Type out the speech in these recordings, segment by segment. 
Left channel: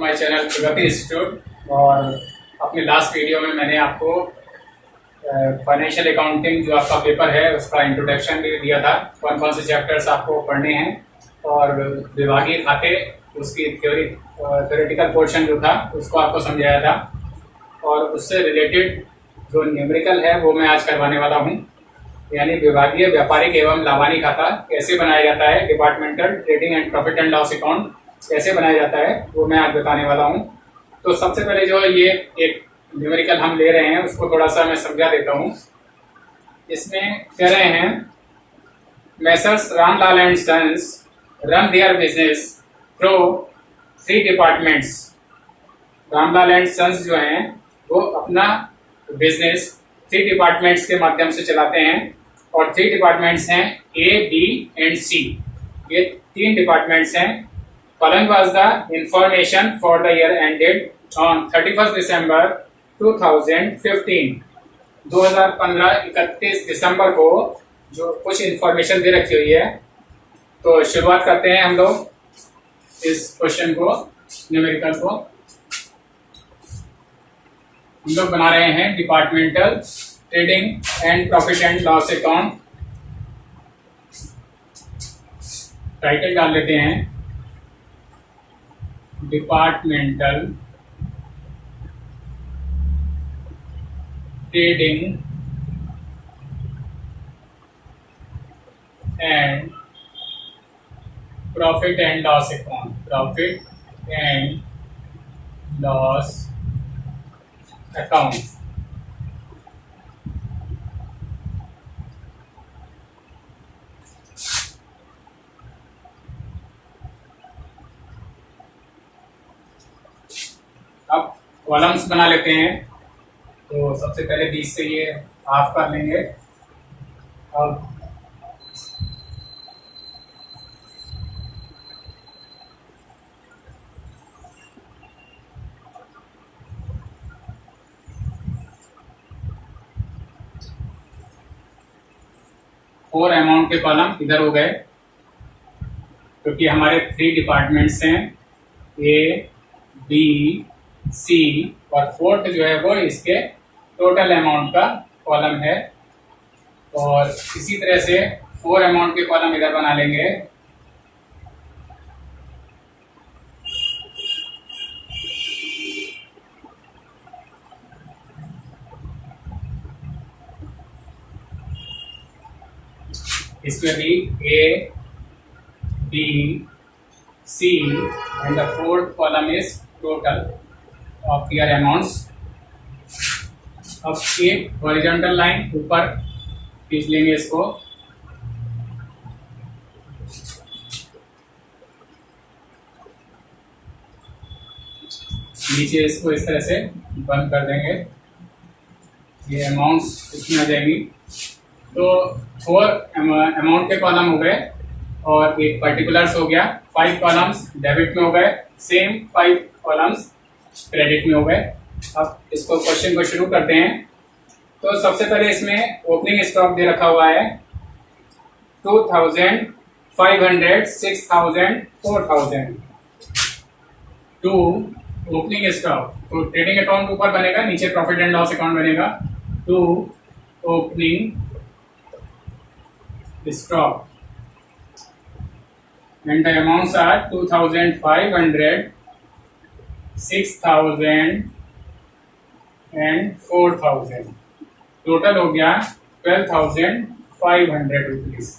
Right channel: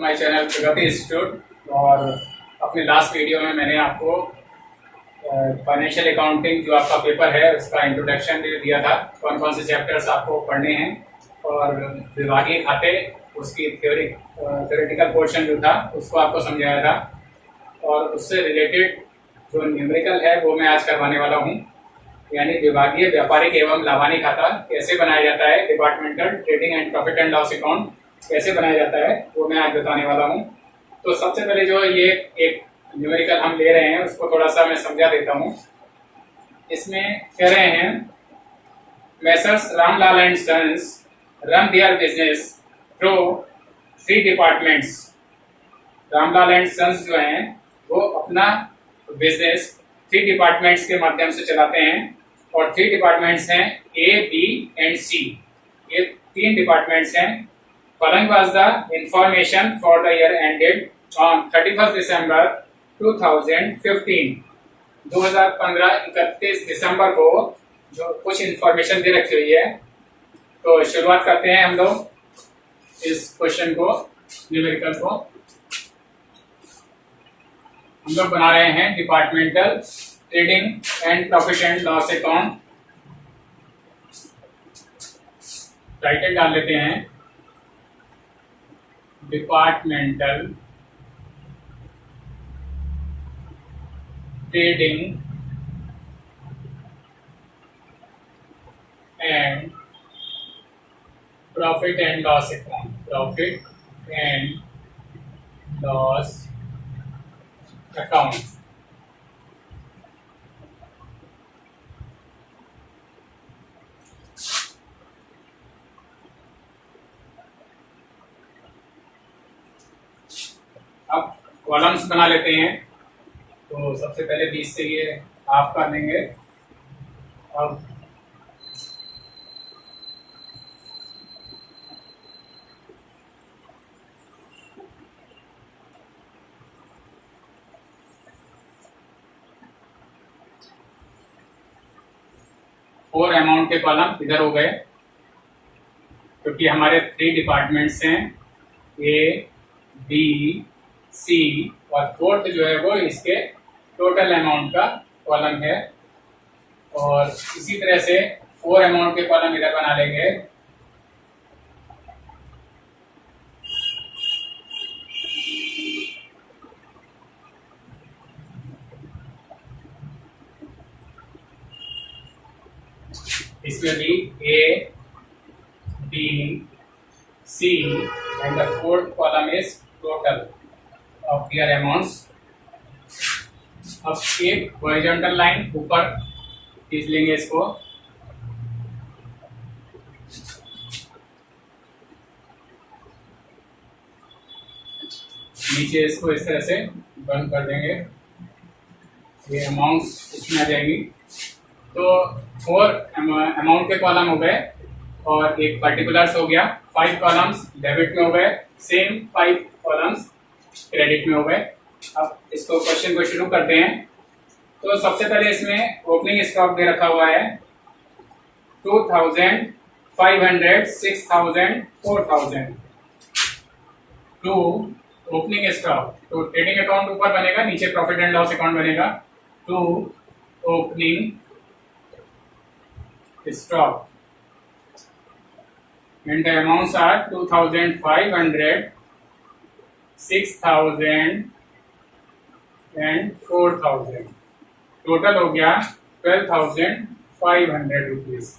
My channel Pragati institute. और अपने last video में मैंने आपको फाइनेंशियल अकाउंटिंग जो आपका पेपर है उसका इंट्रोडक्शन भी दिया था, कौन कौन से चैप्टर्स आपको पढ़ने हैं और विभागीय खाते उसकी थ्योरेटिकल पोर्शन जो था उसको आपको समझाया था। और उससे रिलेटेड जो न्यूमेरिकल है वो मैं आज करवाने वाला हूँ, यानी विभागीय व्यापारिक एवं लाभानी खाता कैसे बनाया जाता है, departmental trading and profit and loss account कैसे बनाया जाता है वो मैं आज बताने वाला हूँ। तो सबसे पहले जो ये एक न्यूमेरिकल हम ले रहे हैं उसको थोड़ा सा मैं समझा देता हूँ। इसमें कह रहे हैं messrs Ramlal and sons run their business through 3 departments. Ramlal and sons जो हैं वो अपना बिजनेस 3 डिपार्टमेंट्स के माध्यम से चलाते हैं और 3 डिपार्टमेंट्स हैं ए, बी एंड सी। ये 3 डिपार्टमेंट्स हैं। Following was the information for the year ended on 31st December 2015। 2015 31 दिसंबर को जो कुछ इंफॉर्मेशन दे रखी हुई है। तो शुरुआत करते हैं हम लोग इस क्वेश्चन को, न्यूमेरिकल को। हम लोग बना रहे हैं departmental trading and profit and loss account. Title डाल लेते हैं departmental trading and profit and loss account, profit and loss account. अब कॉलम्स बना लेते हैं। तो सबसे पहले 20 से ये हाफ कर लेंगे। अब फोर अमाउंट के कॉलम इधर हो गए क्योंकि हमारे 3 डिपार्टमेंट्स हैं ए, बी, सी और फोर्थ जो है वो इसके टोटल अमाउंट का कॉलम है। और इसी तरह से 4 अमाउंट के कॉलम इधर बना लेंगे। इसमें भी A, B, C and the fourth column is total of their amounts. अब एक हॉरिजॉन्टल लाइन ऊपर खींच लेंगे इसको। नीचे इसको इस तरह से बंद कर देंगे, ये अमाउंट्स इसमें आ जाएंगी। तो 4 अमाउंट के कॉलम हो गए और एक पर्टिकुलर्स हो गया। 5 कॉलम्स डेबिट में हो गए, सेम 5 कॉलम्स क्रेडिट में हो गए। अब इसको क्वेश्चन को शुरू करते हैं। तो सबसे पहले इसमें ओपनिंग स्टॉक दे रखा हुआ है 2000, 500, 6000, 4000। टू ओपनिंग स्टॉक, तो ट्रेडिंग अकाउंट ऊपर बनेगा, नीचे प्रॉफिट एंड लॉस अकाउंट बनेगा। To opening stock and the amounts are 2500, 6000 and 4000। Total हो गया 12,500 rupees।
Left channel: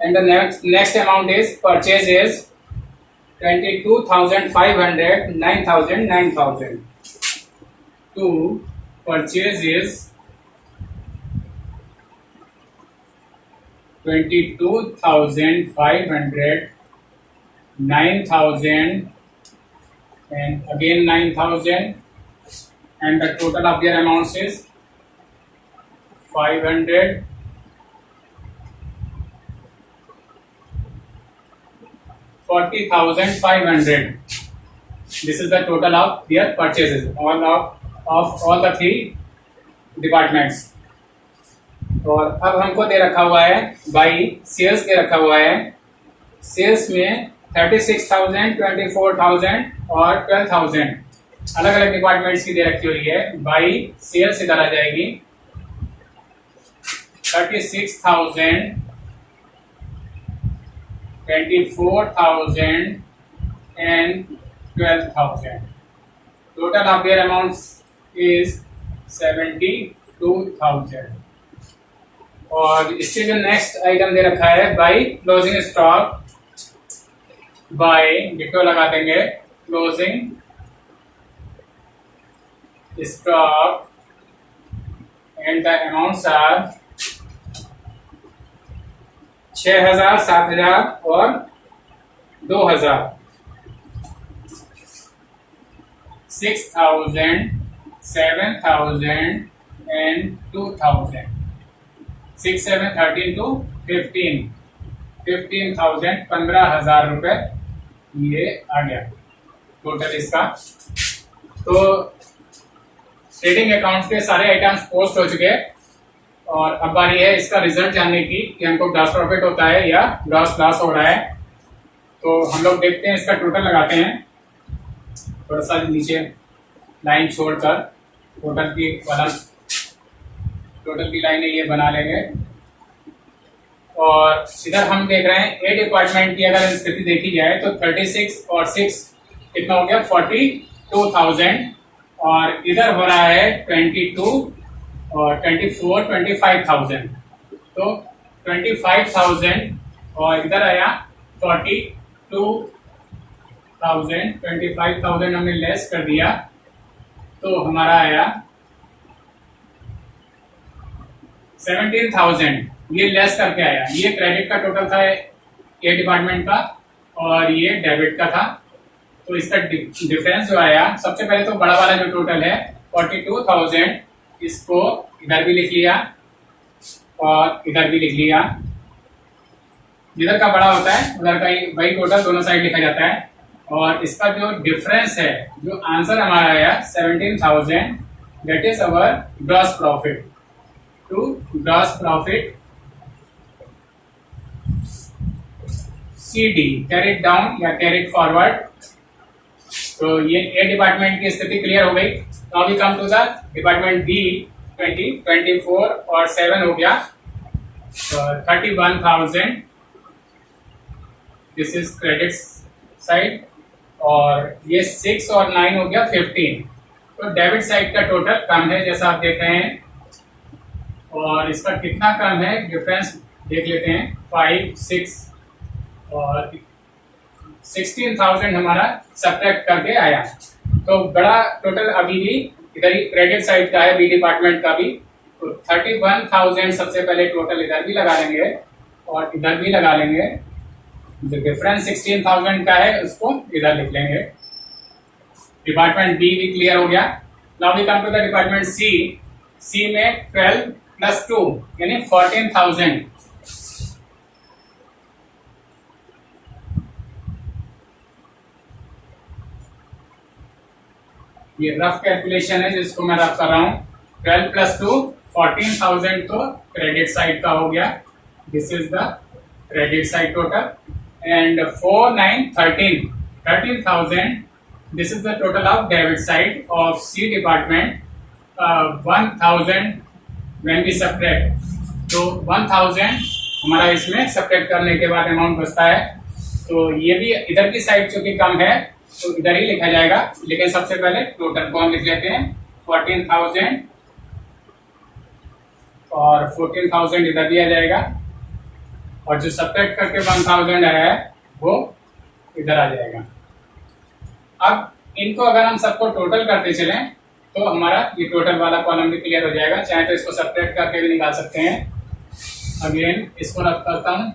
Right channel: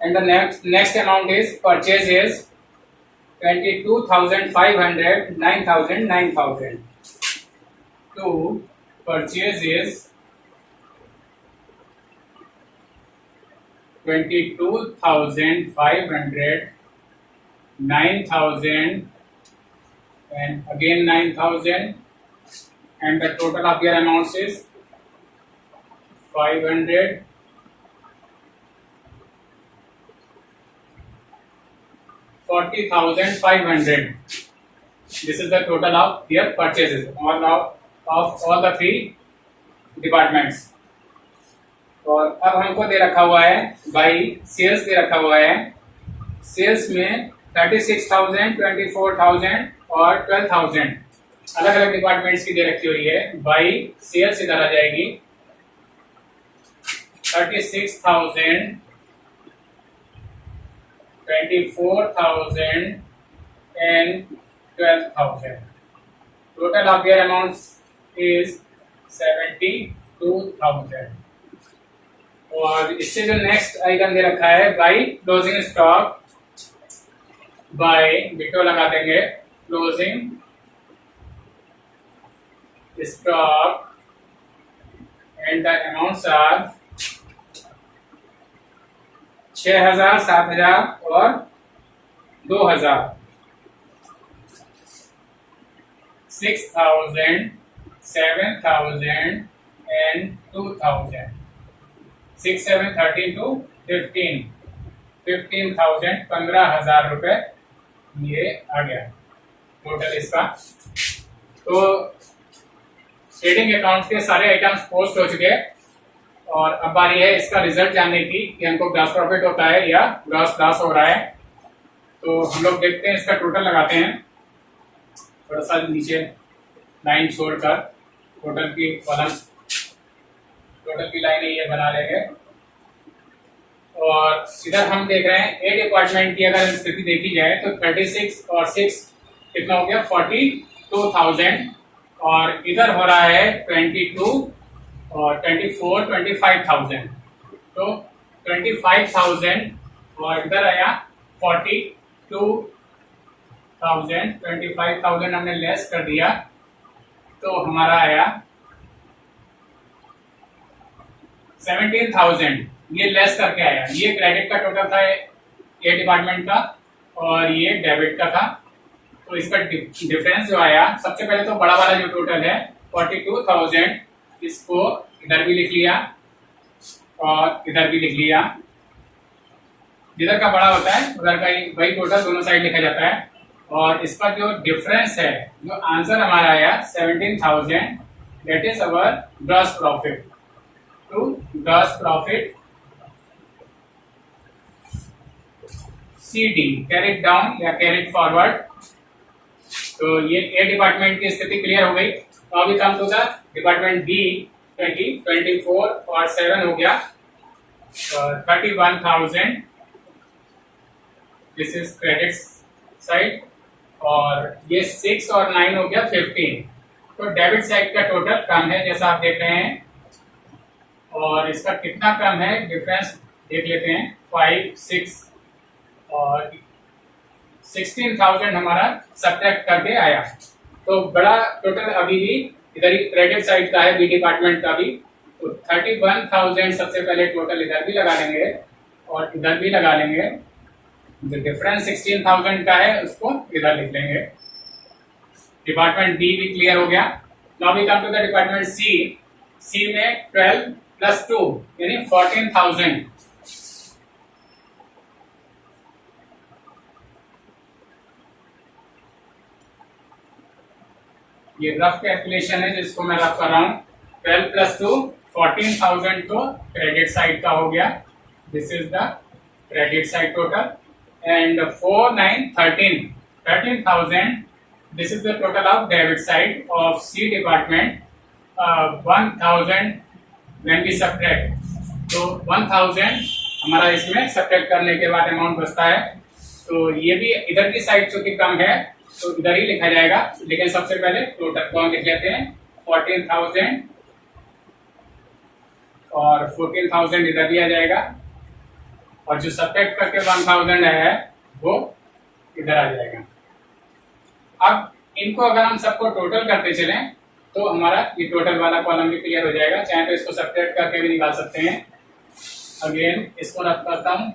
and the next amount is purchase is 22,500, 9,000, 9,000। to purchase is 22,500, 9,000 and again 9,000 and the total of their amounts is 500, 40,500। This is the total of their purchases of all the 3 departments. और अब हमको दे रखा हुआ है by sales दे रखा हुआ है। Sales में 36,000, 24,000 और 12,000 अलग अलग डिपार्टमेंट्स की दे रखी हुई है। बाई सेल्स इधर आ जाएगी। 36,000, 24,000 and 12,000. Total of their amounts is 72,000. और इससे जो नेक्स्ट आइटम दे रखा है by closing stock, by ditto लगा देंगे closing stock and the amounts are 6,000, 7,000 और 2,000। 6,000, 7,000 and 2,000। 6, 7, 13 to 15, 15,000, 15,000 रुपए ये आ गया टोटल इसका। तो ट्रेडिंग अकाउंट्स के सारे आइटम्स पोस्ट हो चुके हैं और अब बारी है इसका रिजल्ट जानने की कि हमको ग्रॉस प्रॉफिट होता है या ग्रॉस लॉस हो रहा है। तो हम लोग देखते हैं, इसका टोटल लगाते हैं थोड़ा सा नीचे लाइन छोड़कर। टोटल की लाइन ये बना लेंगे और इधर हम देख रहे हैं ए डिपार्टमेंट की अगर स्थिति देखी जाए तो 36 और 6 कितना हो गया 42,000 और इधर हो रहा है 22 और 24, 25,000। तो 25,000 और इधर आया 42,000, 25,000 हमने लेस कर दिया तो हमारा आया 17,000। ये लेस करके आया। ये क्रेडिट का टोटल था ए डिपार्टमेंट का और ये डेबिट का था। तो इसका डिफरेंस जो आया, सबसे पहले तो बड़ा वाला जो टोटल है 42,000, इसको इधर भी लिख लिया और इधर भी लिख लिया। जिधर का बड़ा होता है उधर का ही वही टोटल दोनों साइड लिखा जाता है। और इसका जो डिफरेंस है, जो आंसर हमारा आया 17,000, that is our gross profit. To gross profit CD, carried down या कैरिड फॉरवर्ड। तो ये ए डिपार्टमेंट की स्थिति क्लियर हो गई। तो अभी come to the department B. 20, 24 और 7 हो गया तो 31,000, दिस इज क्रेडिट साइड। और ये 6 और 9 हो गया 15। तो डेबिट साइड का टोटल कम है जैसा आप देख रहे हैं। और इसका कितना कम है डिफरेंस देख लेते हैं, 5, 6 और 16,000 हमारा सब्ट्रैक्ट करके आया। तो बड़ा टोटल अभी भी इधर ही क्रेडिट साइड का है, बी डिपार्टमेंट का भी। तो 31,000 सबसे पहले टोटल इधर भी लगा लेंगे और इधर भी लगा लेंगे। जो डिफरेंस 16,000 का है उसको इधर लिख लेंगे। डिपार्टमेंट बी भी क्लियर हो गया। Now we come to the department C. C में 12 + 2 यानी 14,000। ये रफ कैलकुलेशन है जिसको मैं रफ कर रहा हूं। 12 + 2 14,000 तो क्रेडिट साइड का हो गया। This is the credit side total. And 4, 9, 13,000, this is the total of debit side of C department. 1,000 when we subtract, तो 1,000 हमारा इसमें सब्ट्रैक्ट करने के बाद अमाउंट बचता है। तो ये भी इधर की साइड चूंकि कम है तो इधर ही लिखा जाएगा। लेकिन सबसे पहले टोटल को हम लिख लेते हैं 14,000 और 14,000 इधर दिया जाएगा और जो सब्ट्रैक्ट करके 1,000 है वो इधर आ जाएगा। अब इनको अगर हम सबको टोटल करते चलें तो हमारा ये टोटल वाला कॉलम भी क्लियर हो जाएगा। चाहे तो इसको सब्ट्रैक्ट करके भी निकाल सकते हैं। अगेन इसको रख करता हूं।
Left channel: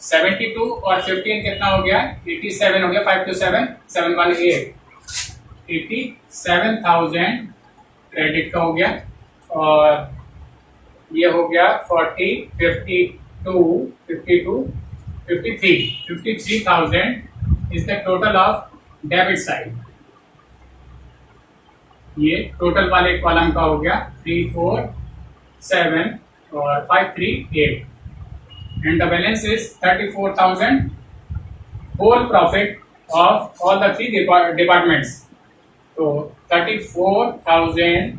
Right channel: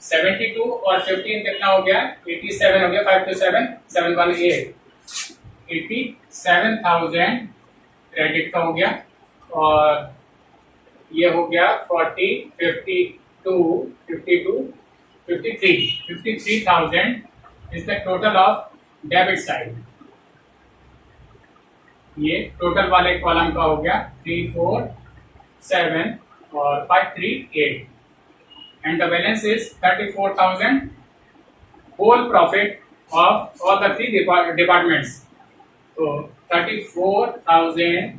सेवेंटी 72 और 15 कितना हो गया 87 हो गया। 5 to 7, 7 1 8, 87,000 क्रेडिट का हो गया। और ये हो गया 40, 52, 53,000 is the total of debit side. ये टोटल वाले कॉलम का हो गया 3, 4, 7 और 538 and the balance is 34,000 whole profit of all the three departments. तो 34,000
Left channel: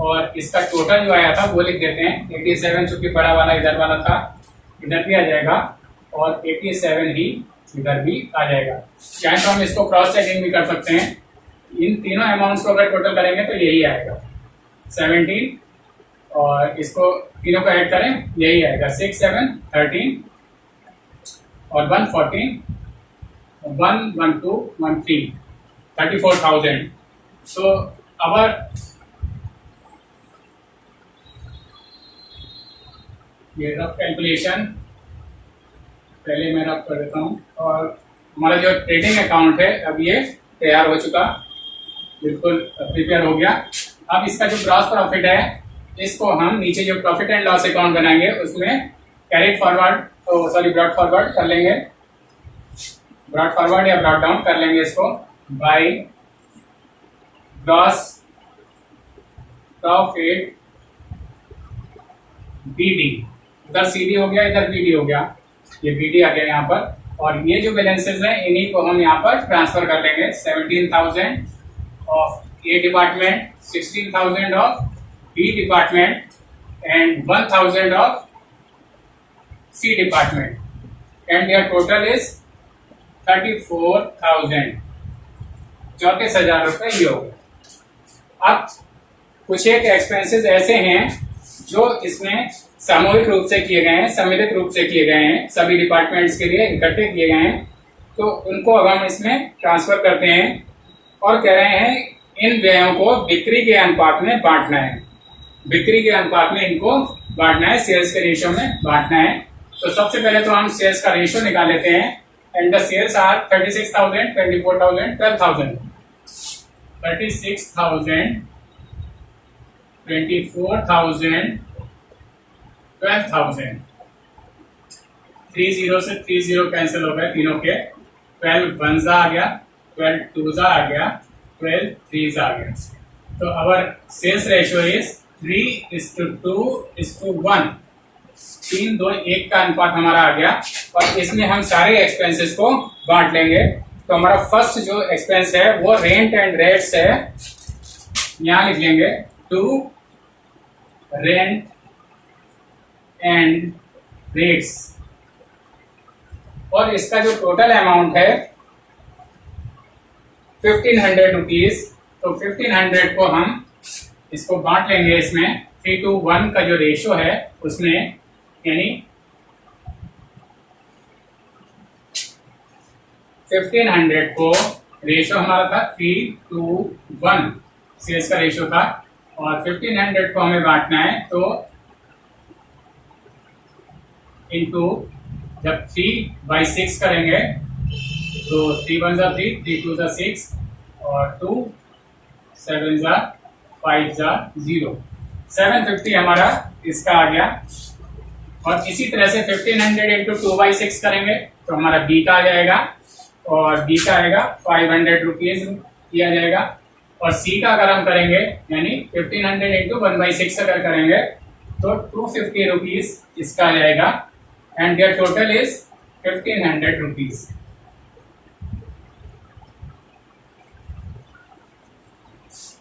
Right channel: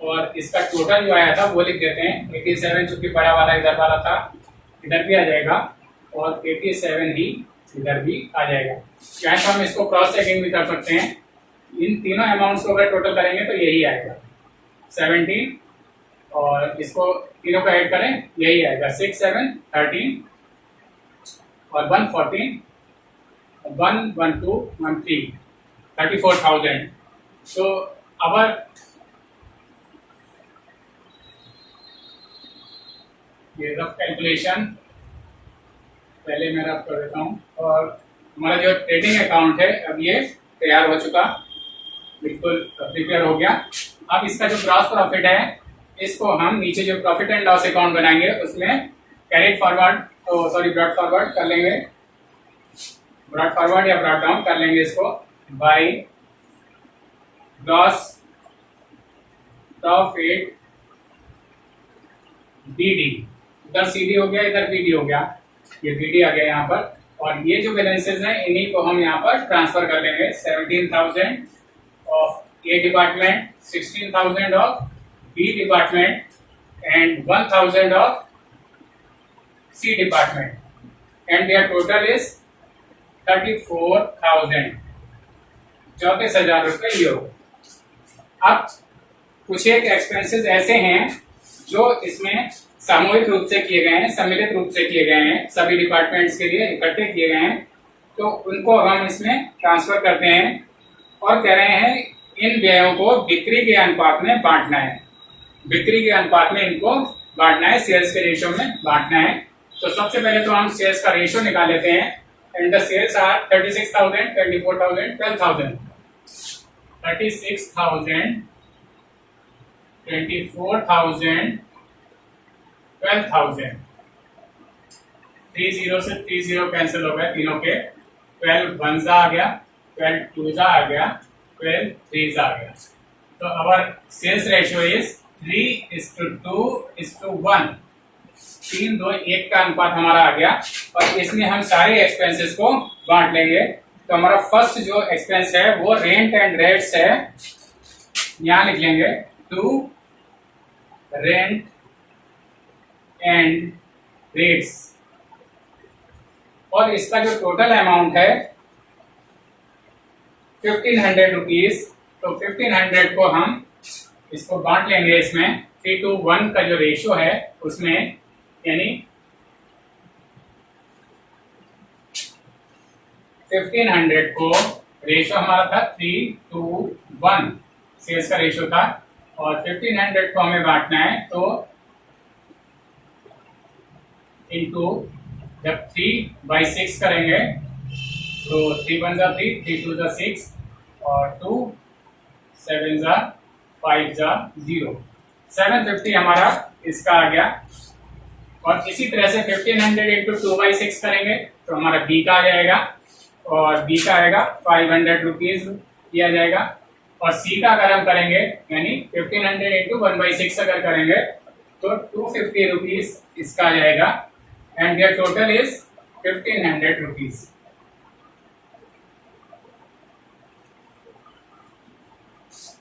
और इसका टोटल जो आया था वो लिख देते हैं 87, चूंकि बड़ा वाला इधर वाला था इधर भी आ जाएगा और 87 ही इधर भी आ जाएगा। चाहे तो हम इसको क्रॉस चेकिंग भी कर सकते हैं। इन तीनों अमाउंट्स को अगर टोटल करेंगे तो यही आएगा 17 और इसको तीनों को ऐड करें यही आएगा 6 7 13 और 114 112 13 34,000। So our ये रफ कैलकुलेशन पहले मैं रफ कर देता हूँ और हमारा जो ट्रेडिंग अकाउंट है अब ये तैयार हो चुका, बिल्कुल प्रिपेयर हो गया। अब इसका जो ग्रॉस प्रॉफिट है इसको हम नीचे जो प्रॉफिट एंड लॉस अकाउंट बनाएंगे उसमें कैरिड फॉरवर्ड ब्रॉड फॉरवर्ड कर लेंगे, ब्रॉड फॉरवर्ड या ब्रॉड डाउन कर लेंगे इसको बाय ग्रॉस प्रॉफिट बीडी। इधर सीडी हो गया इधर बीडी हो गया, ये बीडी आ गया यहाँ पर और ये जो बैलेंसेस हैं इन्हीं को हम यहाँ पर ट्रांसफर कर लेंगे 17,000 of A department, 16,000 of B department and 1,000 of C department and their total is 34,000, 34,000 रुपए ये हो। अब कुछ एक एक्सपेंसेस ऐसे हैं जो इसमें सामूहिक रूप से किए गए हैं, सम्मिलित रूप से किए गए हैं, सभी डिपार्टमेंट्स के लिए इकट्ठे किए गए हैं, तो उनको अब हम इसमें ट्रांसफर करते हैं और कह रहे हैं इन व्ययों को बिक्री के अनुपात में बांटना है, बिक्री के अनुपात में इनको बांटना है, सेल्स के रेशियो में बांटना है। तो सबसे पहले तो हम सेल्स का रेशियो निकाल लेते हैं एंड द सेल्स आर 36,000 24,000 12,000 36,000 24,000 12,000 30 से 30 कैंसिल हो गए तीनों के, 12 वंजा आ गया, 12 टूजा आ गया, 12 थ्रीजा आ गया। तो अवर सेल्स रेशियो इज 3:2:1, 3 2 1 का अनुपात हमारा आ गया और इसमें हम सारे एक्सपेंसेस को बांट लेंगे। तो हमारा फर्स्ट जो एक्सपेंस है वो रेंट एंड रेट्स है, यहां लिख लेंगे टू रेंट एंड रेट्स और इसका जो टोटल अमाउंट है 1,500 रुपीज। तो 1,500 को हम इसको बांट लेंगे इसमें 3:1 का जो रेशियो है उसमें, यानी 1,500 को रेशियो हमारा था 3:1 सेल्स का रेशियो था और 1,500 को हमें बांटना है तो इनटू जब 3/6 करेंगे तो 3 1 जा 3 3 2 जा 6 और 2 7 जा 5 जा 0, 750 हमारा इसका आ गया। और इसी तरह से 1,500 इंटू 2/6 करेंगे तो हमारा बी का आ जाएगा और बी का आएगा 500 रुपीज किया जाएगा। और सी का अगर हम करेंगे यानी 1,500 इंटू 1/6 अगर करेंगे तो 250 रुपीज इसका आ जाएगा and their total is 1,500 rupees.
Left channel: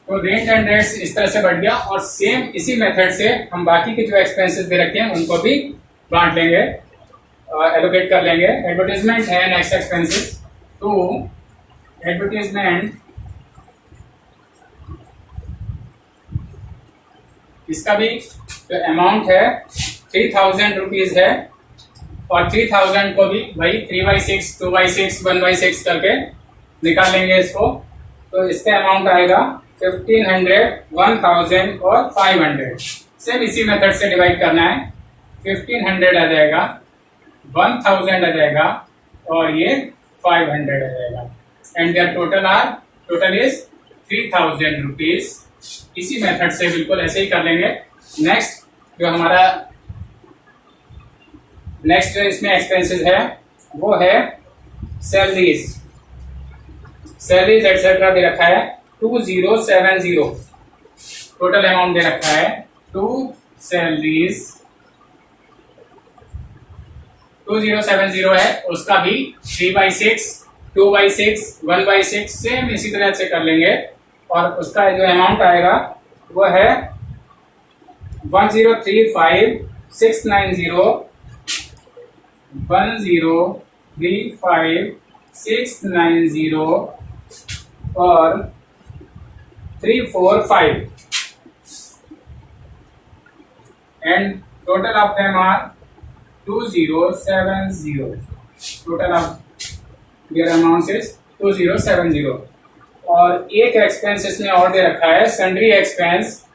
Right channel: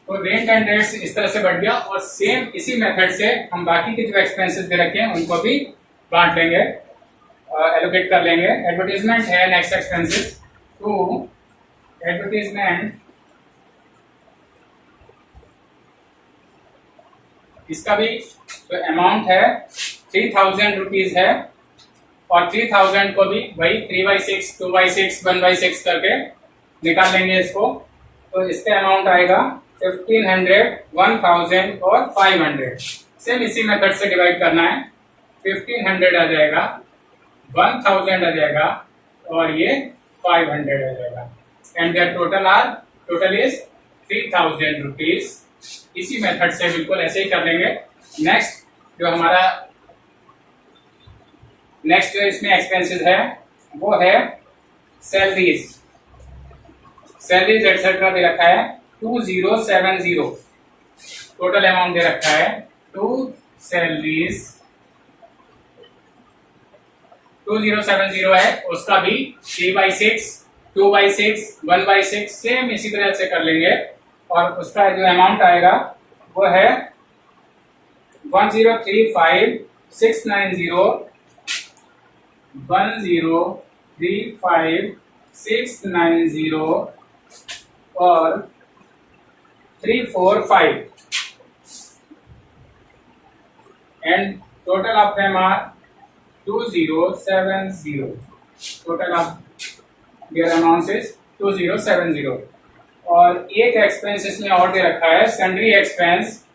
तो रेंट एंड रेट्स इस तरह से बढ़ गया और सेम इसी मेथड से हम बाकी के जो एक्सपेंसेस दे रखे हैं उनको भी बांट लेंगे, एलोकेट कर लेंगे। एडवर्टाइजमेंट है नेक्स्ट एक्सपेंसेस, तो एडवर्टाइजमेंट इसका भी जो अमाउंट है 3,000 रुपीज है और 3,000 को भी वही 3/6 2/6 1/6 करके निकाल लेंगे इसको। तो इसका अमाउंट आएगा 1,500 1,000 और 500। सेम इसी मेथड से डिवाइड करना है, 1,500 आ जाएगा, 1,000 आ जाएगा और ये 500 आ जाएगा and their total is 3,000 rupees. इसी मेथड से बिल्कुल ऐसे ही कर लेंगे। नेक्स्ट जो इसमें एक्सपेंसेस है वो है सैलरीज एक्सेट्रा दे रखा है 2,070, टोटल अमाउंट दे रखा है 2 सैलरीज 2070 है, उसका भी 3/6, 2/6, 1/6 सेम इसी तरह से कर लेंगे। और उसका जो अमाउंट आएगा वो है 1035690, 1035690 और 345 and total of them are 2070. Total of their amounts is 2070। और एक एक्सपेंस इसमें और दे रखा है सन्ड्री एक्सपेंस,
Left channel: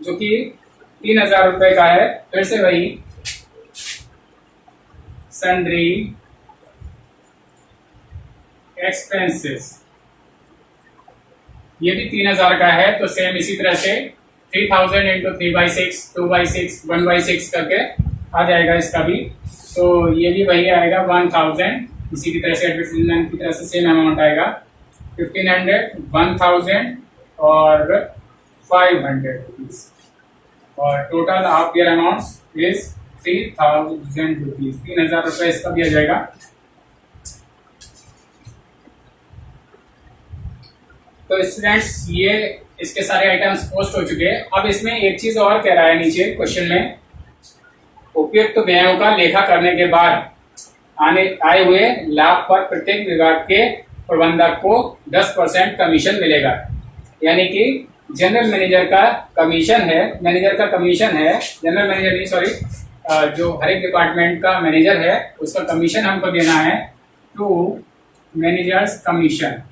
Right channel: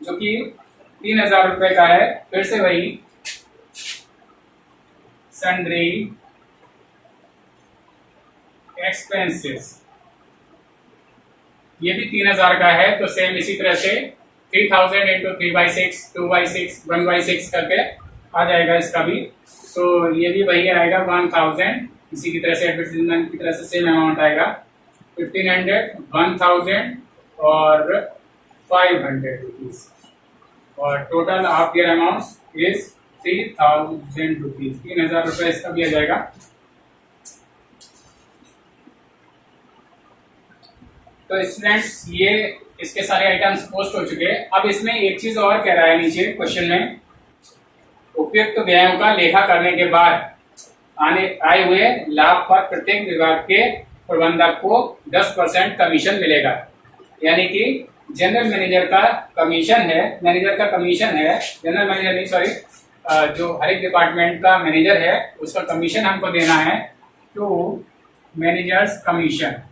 जो कि 3000 रुपए का है। फिर से वही सन्ड्री एक्सपेंसेस, ये भी 3000 का है। तो सेम इसी तरह से 3000 इंटू 3/6, 2/6, 1/6 करके आ जाएगा इसका भी। तो ये भी वही आएगा 1000, इसी की तरह से एडवर्टाइजमेंट की तरह से सेम अमाउंट आएगा 1500, 1000 और 500 रुपीज। और total of year amounts is 3000 rupees, 3000 रुपए इसका भी आ जाएगा। तो स्टूडेंट्स ये इसके सारे आइटम्स पोस्ट हो चुके हैं। अब इसमें एक चीज और कह रहा है नीचे क्वेश्चन में, उपयुक्त व्ययों का लेखा करने के बाद आए हुए लाभ पर प्रत्येक विभाग के प्रबंधक को 10% कमीशन मिलेगा। यानी कि जनरल मैनेजर का कमीशन है, जनरल मैनेजर नहीं सॉरी, जो हर एक डिपार्टमेंट का मैनेजर है उसका कमीशन हमको देना है, टू मैनेजर्स कमीशन।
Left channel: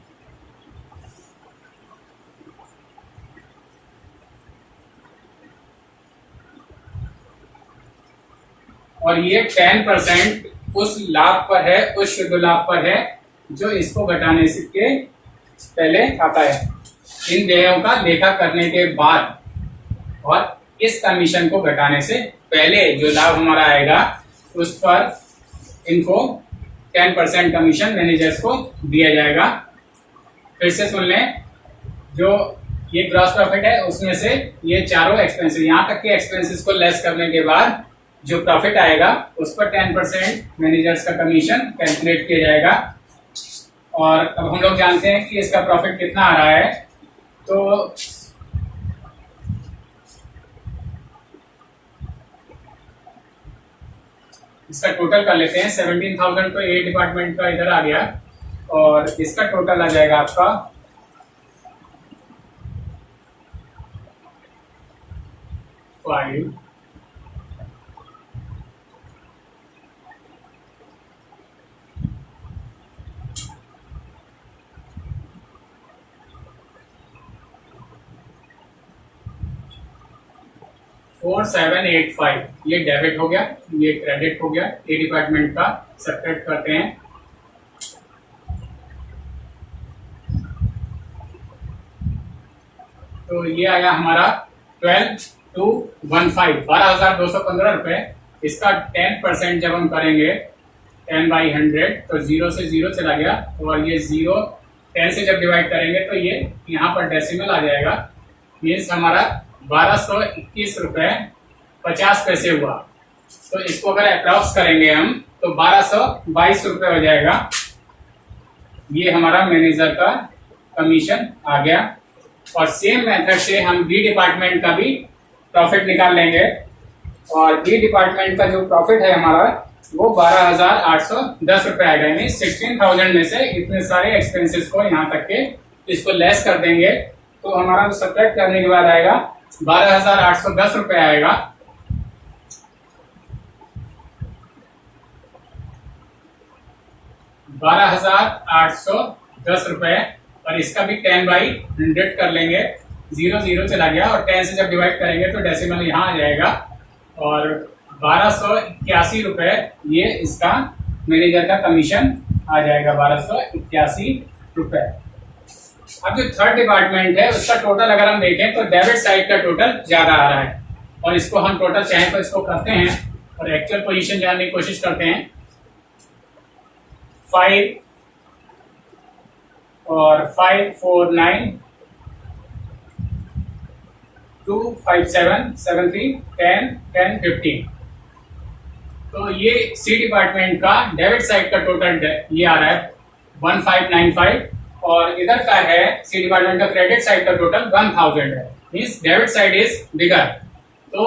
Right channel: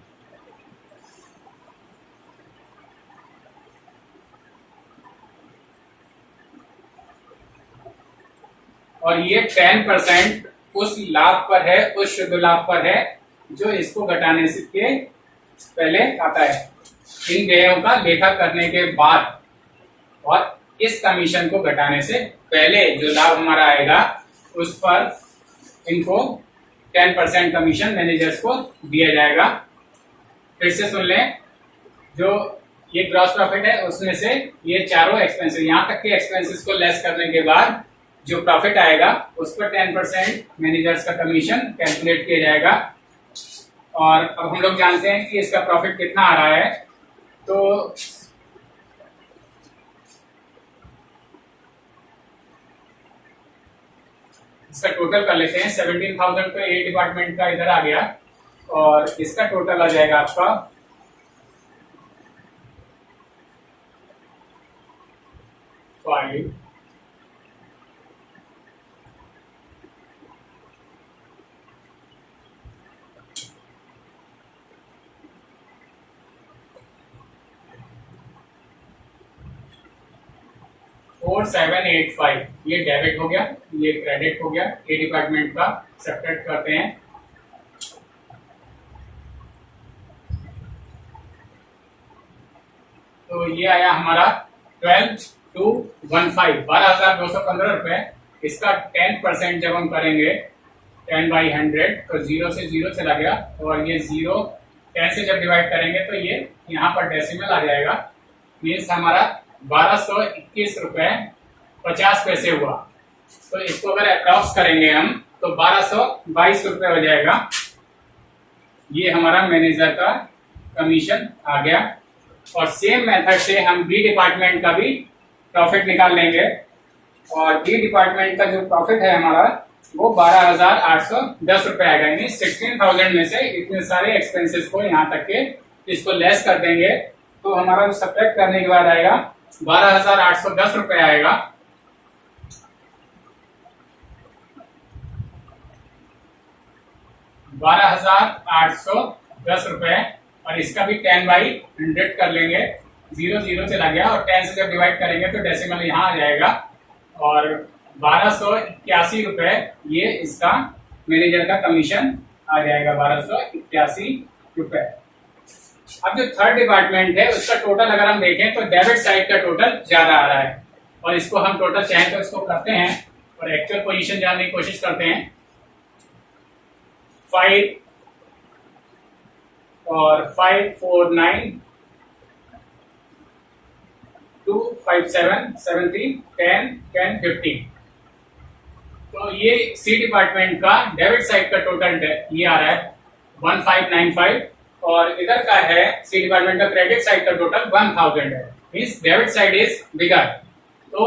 और ये 10% उस लाभ पर है, उस शुद्ध लाभ पर है जो इसको घटाने से के पहले आता है, इन देयों का लेखा करने के बाद। और इस कमीशन को घटाने से पहले जो लाभ हमारा आएगा उस पर इनको 10% कमीशन मैनेजर्स को दिया जाएगा। फिर से सुन लें, जो ये ग्रॉस प्रॉफिट है उसमें से ये चारों एक्सपेंसेस, यहां तक के एक्सपेंसेस को लेस करने के बाद जो प्रॉफिट आएगा उस पर 10% मैनेजर्स का कमीशन कैलकुलेट किया जाएगा। और अब हम लोग जानते हैं कि इसका प्रॉफिट कितना आ रहा है। तो इसका टोटल कर लेते हैं। 17,000 तो ए डिपार्टमेंट का इधर आ गया, और इसका टोटल आ जाएगा आपका 5 4785। ये डेबिट हो गया, ये क्रेडिट हो गया। ए डिपार्टमेंट का सब्ट्रैक्ट करते हैं। तो ये आया हमारा 12,215, 12,215 रुपए। इसका 10% जब हम करेंगे 10/100 तो 0 से 0 चला गया, और ये 0 10 से जब डिवाइड करेंगे तो ये यहाँ पर डेसिमल आ जाएगा। मीन्स हमारा 1221 रुपए 50 पैसे हुआ। तो इसको अगर अप्रॉक्स करेंगे हम तो 1222 रुपए हो जाएगा। ये हमारा मैनेजर का कमीशन आ गया। और सेम मेथड से हम बी डिपार्टमेंट का भी प्रॉफिट निकाल लेंगे। और बी डिपार्टमेंट का जो प्रॉफिट है हमारा वो 12,810 रुपए आएगा। यानी 16,000 में से इतने सारे एक्सपेंसेस को यहाँ तक के इसको लेस कर देंगे तो हमारा जो सब्ट्रैक्ट करने के बाद आएगा 12,810 रुपए आएगा। ₹12,810। और इसका भी 10/100 कर लेंगे, 0 0 चला गया, और 10 से जब डिवाइड करेंगे तो डेसिमल यहाँ आ जाएगा। और 1281 रुपए ये इसका मैनेजर का कमीशन आ जाएगा, 1281 रुपए। अब जो थर्ड डिपार्टमेंट है उसका टोटल अगर हम देखें तो डेबिट साइड का टोटल ज्यादा आ रहा है। और इसको हम टोटल चाहे तो इसको करते हैं और एक्चुअल पोजीशन जानने की कोशिश करते हैं। 5 और 549 25773 10 10 15। तो ये सी डिपार्टमेंट का डेबिट साइड का टोटल ये आ रहा है 1595 और इधर का है सी डिपार्टमेंट का क्रेडिट साइड का टोटल 1000 है। Means debit side is bigger. तो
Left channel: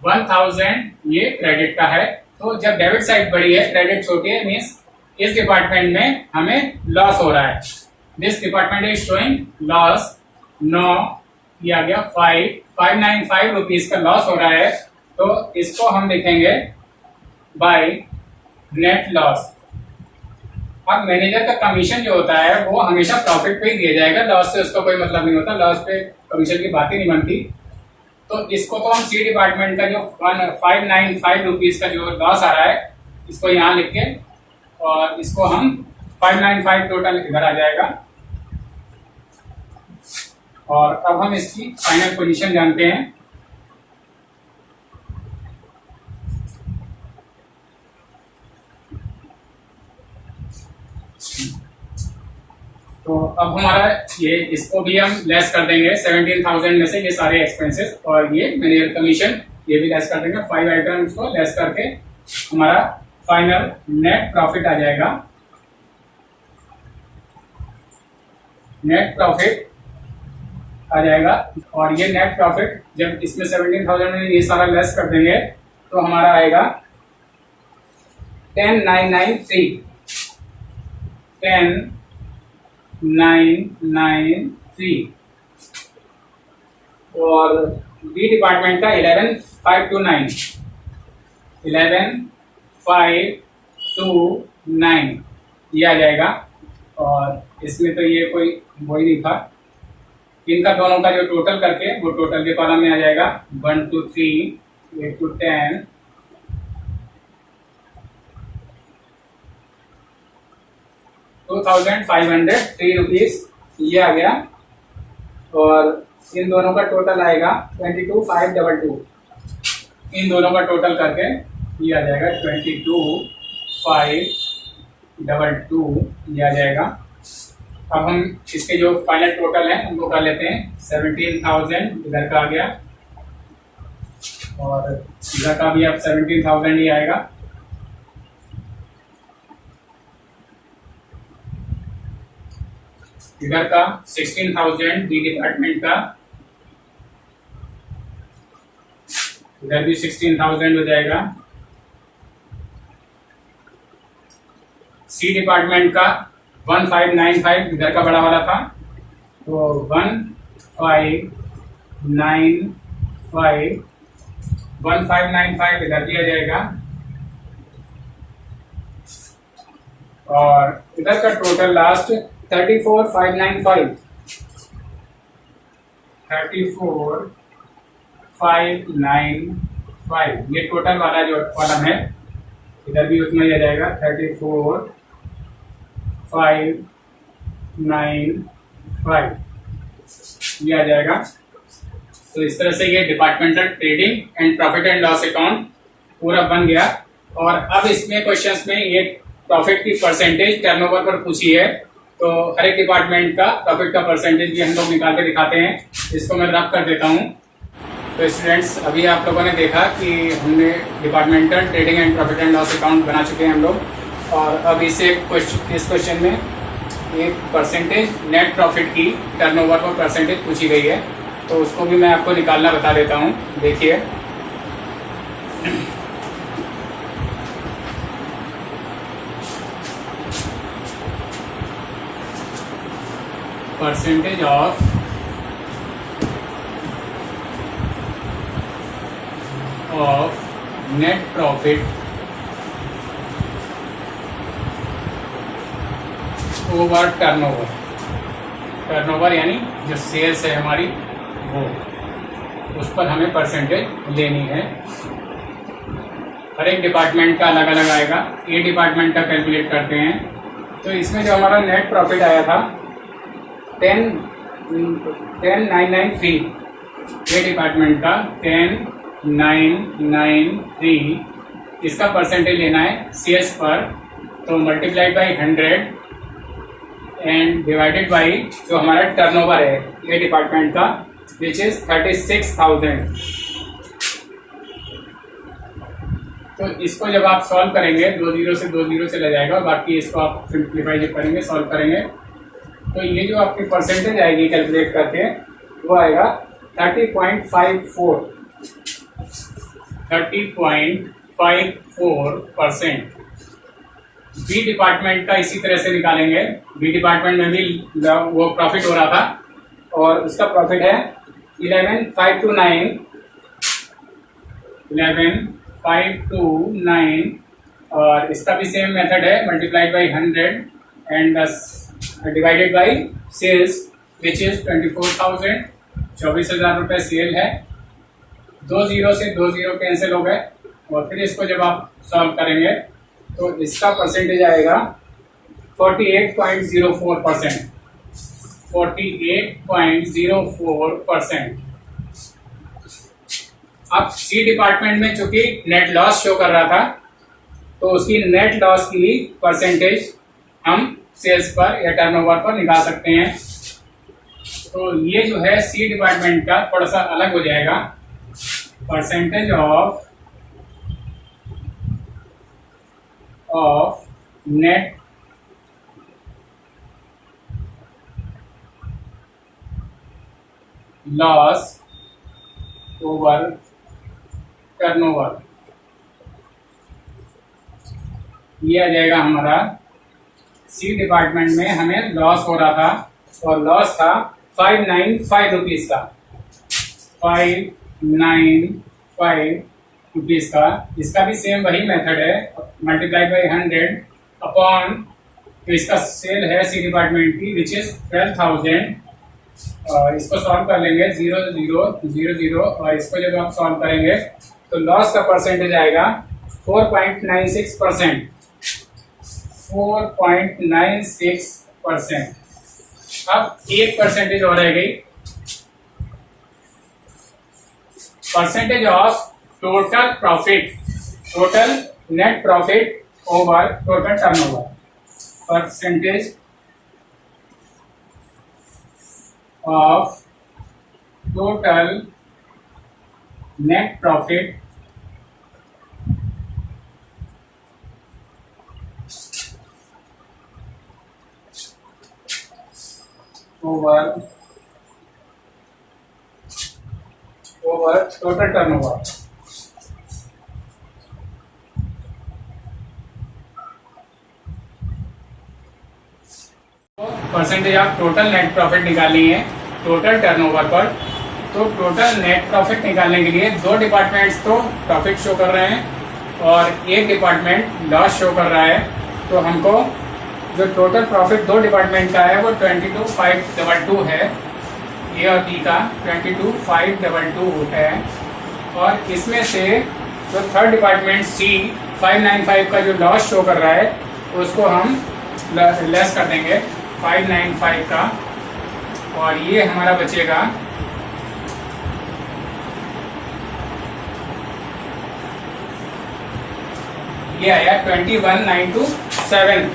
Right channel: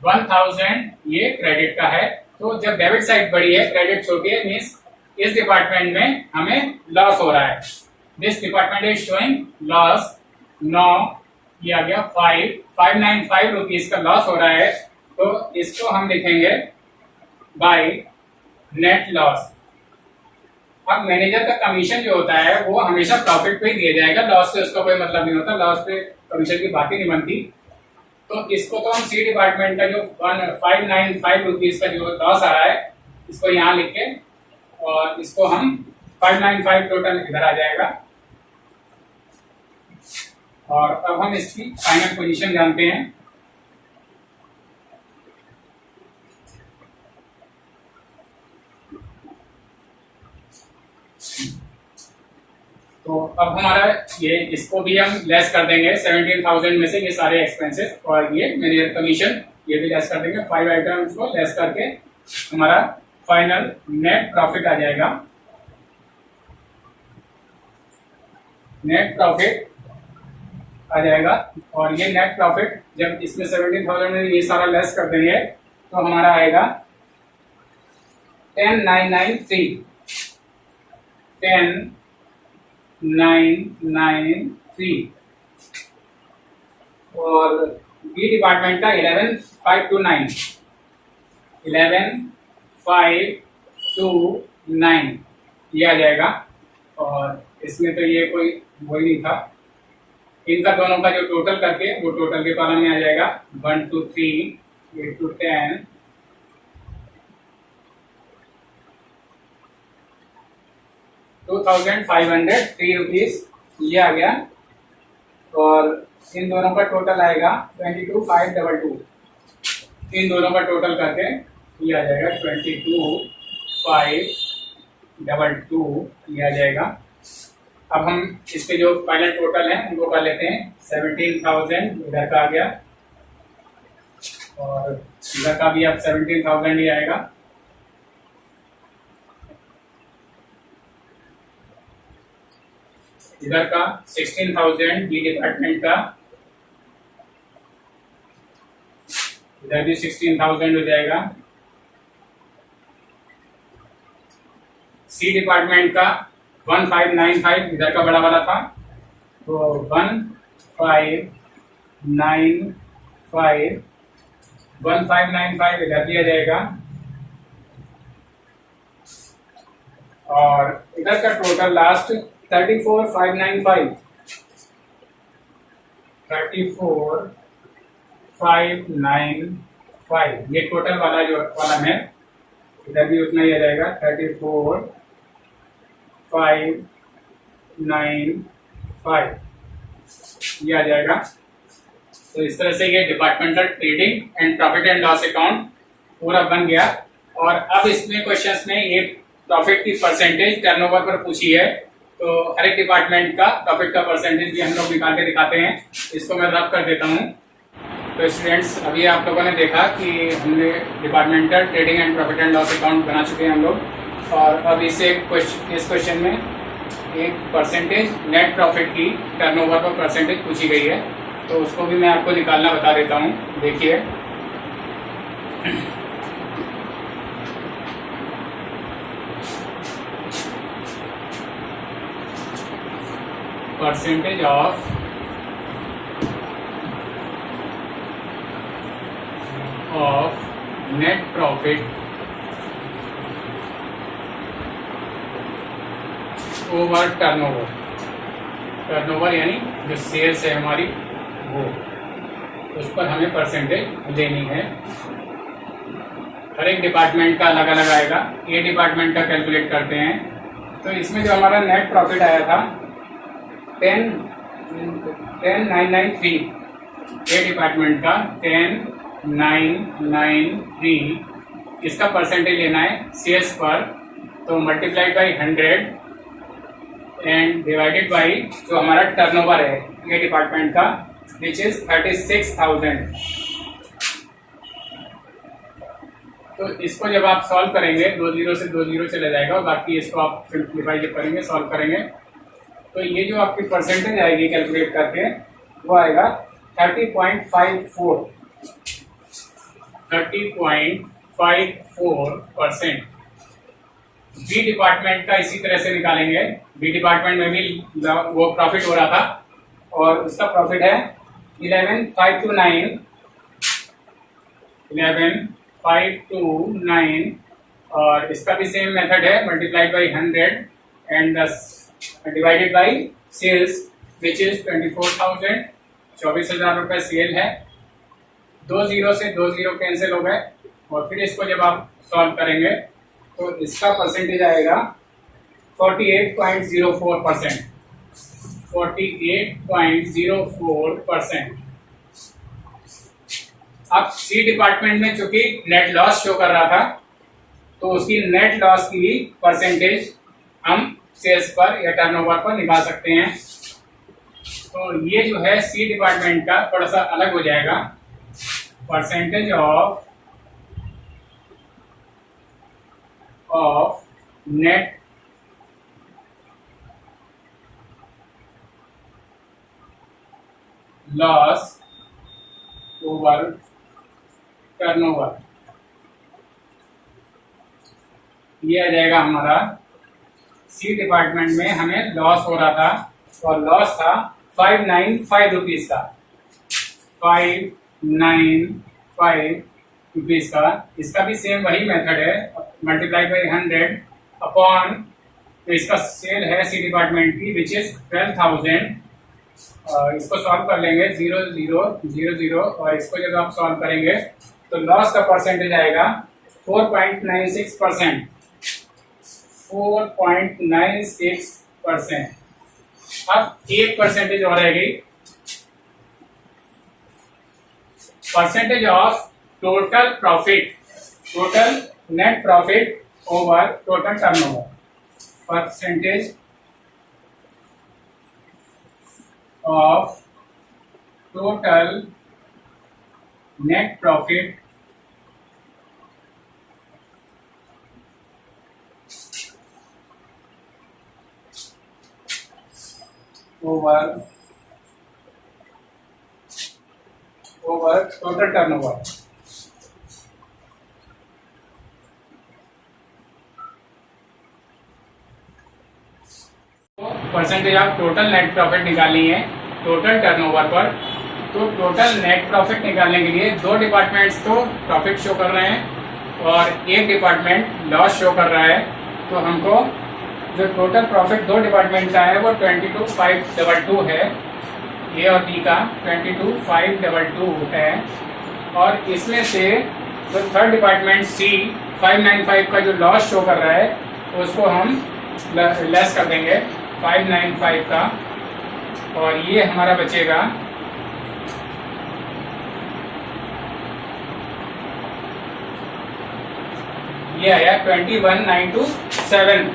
1000 ये क्रेडिट का है। तो जब डेबिट साइड बड़ी है क्रेडिट छोटी है मींस इस डिपार्टमेंट में हमें लॉस हो रहा है। This department is showing loss. 9 ये आ गया 595 रुपीज का लॉस हो रहा है। तो इसको हम लिखेंगे बाय नेट लॉस। अब मैनेजर का कमीशन जो होता है वो हमेशा प्रॉफिट पे ही दिया जाएगा, लॉस से उसका कोई मतलब नहीं होता, लॉस पे कमीशन की बात ही नहीं बनती। तो इसको तो हम सी डिपार्टमेंट का जो 595 रुपीज का जो लॉस आ रहा है इसको यहाँ लिख के और इसको हम 595 टोटल इधर आ जाएगा। और अब हम इसकी फाइनल पोजीशन जानते हैं। तो अब हमारा ये इसको भी हम लेस कर देंगे 17,000 में से ये सारे एक्सपेंसेस और ये मैनेजर कमीशन ये भी लेस कर देंगे। 5 आइटम्स को लेस करके हमारा फाइनल नेट प्रॉफिट आ जाएगा। नेट प्रॉफिट आ जाएगा और ये नेट प्रॉफिट जब इसमें 17,000 में ये सारा लेस कर देंगे तो हमारा आएगा 10,993 10,993 और बी डिपार्टमेंट का 11,529 11,529 ये आ जाएगा। और इसमें तो ये कोई वही नहीं था, इनका दोनों का जो टोटल करके वो टोटल के कॉलम में आ जाएगा 1 2 3 8 to 10 2,503 रुपीज ये आ गया। और इन दोनों का टोटल आएगा 22,522। इन दोनों का टोटल करके ये आ जाएगा 22,522 ये आ जाएगा। अब हम इसके जो फाइनल टोटल है उनको कर लेते हैं। 17,000 इधर का आ गया और इधर का भी अब 17,000 ही आएगा। इधर का 16,000 डी डिपार्टमेंट का, इधर भी 16,000 हो जाएगा। सी डिपार्टमेंट का 1595 इधर का बड़ा वाला था तो 1595 इधर दिया जाएगा। और इधर का टोटल लास्ट 34,595 34,595 ये टोटल वाला जो कॉलम है इधर भी उतना ही आ जाएगा 34,595 ये आ जाएगा। तो इस तरह से ये departmental trading and profit and loss account पूरा बन गया। और अब इसमें क्वेश्चंस में ये प्रॉफिट की परसेंटेज टर्नओवर पर पूछी है तो हर एक डिपार्टमेंट का प्रॉफिट का परसेंटेज भी हम लोग निकाल के दिखाते हैं। इसको मैं रब कर देता हूँ। तो स्टूडेंट्स अभी आप लोगों ने देखा कि हमने departmental trading and profit and loss account बना चुके हैं हम लोग। और अब इस क्वेश्चन में एक परसेंटेज नेट प्रॉफिट की टर्नओवर पर परसेंटेज पूछी गई है तो उसको भी मैं आपको निकालना बता देता हूँ। देखिए percentage of net profit over turnover. Turnover यानी जो सेल्स है हमारी वो, उस पर हमें परसेंटेज लेनी है। हर एक डिपार्टमेंट का अलग अलग आएगा। ए डिपार्टमेंट का कैलकुलेट करते हैं तो इसमें जो हमारा नेट प्रॉफिट आया था 10,993 ए डिपार्टमेंट का 10,993 इसका परसेंटेज लेना है सेल्स पर। तो multiplied by 100 and divided by जो हमारा टर्नओवर है ये डिपार्टमेंट का विच इज 36,000। तो इसको जब आप सॉल्व करेंगे 2 जीरो से 2 जीरो चला जाएगा और बाकी इसको आप सिंप्लीफाई जब करेंगे सॉल्व करेंगे तो ये जो आपकी परसेंटेज आएगी कैलकुलेट करके वो आएगा 30.54 30.54%। बी डिपार्टमेंट का इसी तरह से निकालेंगे। बी डिपार्टमेंट में भी वो प्रॉफिट हो रहा था और उसका प्रॉफिट है 11,529 और इसका भी सेम मेथड है, multiplied by 100 and divided by cells which is 24,000। 24,000 रुपये सेल है। 2 जीरो से 2 जीरो कैंसिल हो गए और फिर इसको जब आप सॉल्व करेंगे तो इसका परसेंटेज आएगा 48.04%। 48.04%। अब सी डिपार्टमेंट में चूंकि नेट लॉस शो कर रहा था तो उसकी नेट लॉस की परसेंटेज हम सेल्स पर या टर्नओवर पर निकाल सकते हैं। तो ये जो है सी डिपार्टमेंट का थोड़ा सा अलग हो जाएगा। Percentage of net loss over turnover, ये आ जाएगा हमारा। सी डिपार्टमेंट में हमें लॉस हो रहा था और लॉस था 595 रुपीज का, 595 रुपीज का। इसका भी सेम वही मेथड है, मल्टीप्लाई बाई 100 अपॉन, तो इसका सेल है सी डिपार्टमेंट की विच इज 12,000। इसको सॉल्व कर लेंगे 0 0 0 0 और इसको जब आप सॉल्व करेंगे तो लॉस का परसेंटेज आएगा 4.96%। 4.96%। अब 1% और रह गई। Percentage of total profit, total net profit over total turnover. Percentage of total net profit over total turnover. Percentage of total net profit निकालनी है टोटल टर्नओवर पर। तो टोटल नेट प्रॉफिट निकालने के लिए दो डिपार्टमेंट्स तो प्रॉफिट शो कर रहे हैं और एक डिपार्टमेंट लॉस शो कर रहा है। तो हमको जो टोटल प्रॉफिट दो डिपार्टमेंट का है वो 22,522 है। ए और बी का 22,522 है और इसमें से जो थर्ड डिपार्टमेंट सी 595 का जो लॉस शो कर रहा है उसको हम लेस कर देंगे 595 का और ये हमारा बचेगा ये आया 21,927।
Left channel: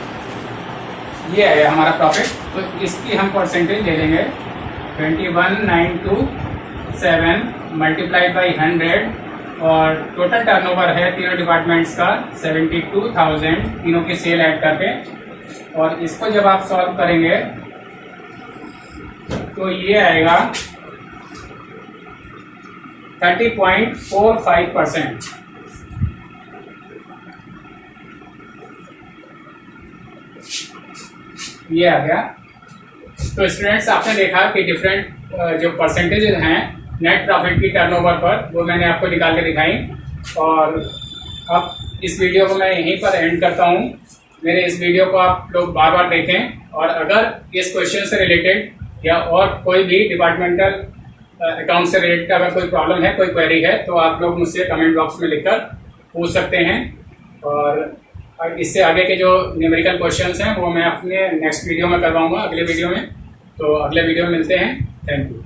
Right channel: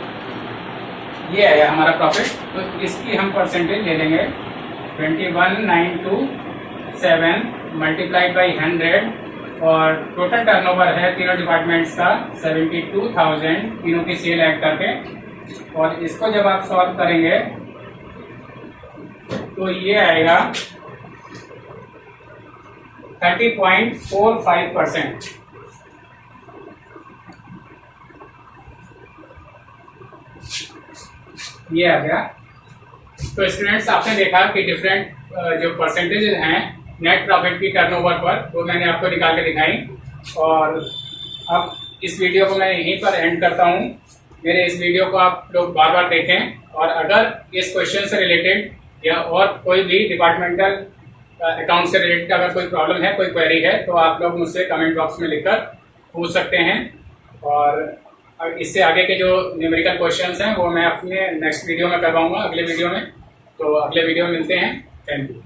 ये आया हमारा प्रॉफिट। तो इसकी हम परसेंटेज ले लेंगे 21,927 मल्टीप्लाइड बाई 100 और टोटल टर्नओवर है तीनों डिपार्टमेंट्स का 72,000 तीनों की सेल ऐड करके। और इसको जब आप सॉल्व करेंगे तो ये आएगा 30.45%। ये आ गया। तो स्टूडेंट्स आपने देखा कि डिफरेंट जो परसेंटेजेस हैं नेट प्रॉफिट की टर्नओवर पर वो मैंने आपको निकाल के दिखाई। और अब इस वीडियो को मैं यहीं पर एंड करता हूँ। मेरे इस वीडियो को आप लोग बार बार देखें और अगर इस क्वेश्चन से रिलेटेड या और कोई भी डिपार्टमेंटल अकाउंट से रिलेटेड अगर कोई प्रॉब्लम है, कोई क्वेरी है तो आप लोग मुझसे कमेंट बॉक्स में लिखकर पूछ सकते हैं। और इससे आगे के जो न्यूमेरिकल क्वेश्चंस हैं वो मैं अपने नेक्स्ट वीडियो में करवाऊंगा, अगले वीडियो में। तो अगले वीडियो में मिलते हैं। Thank you.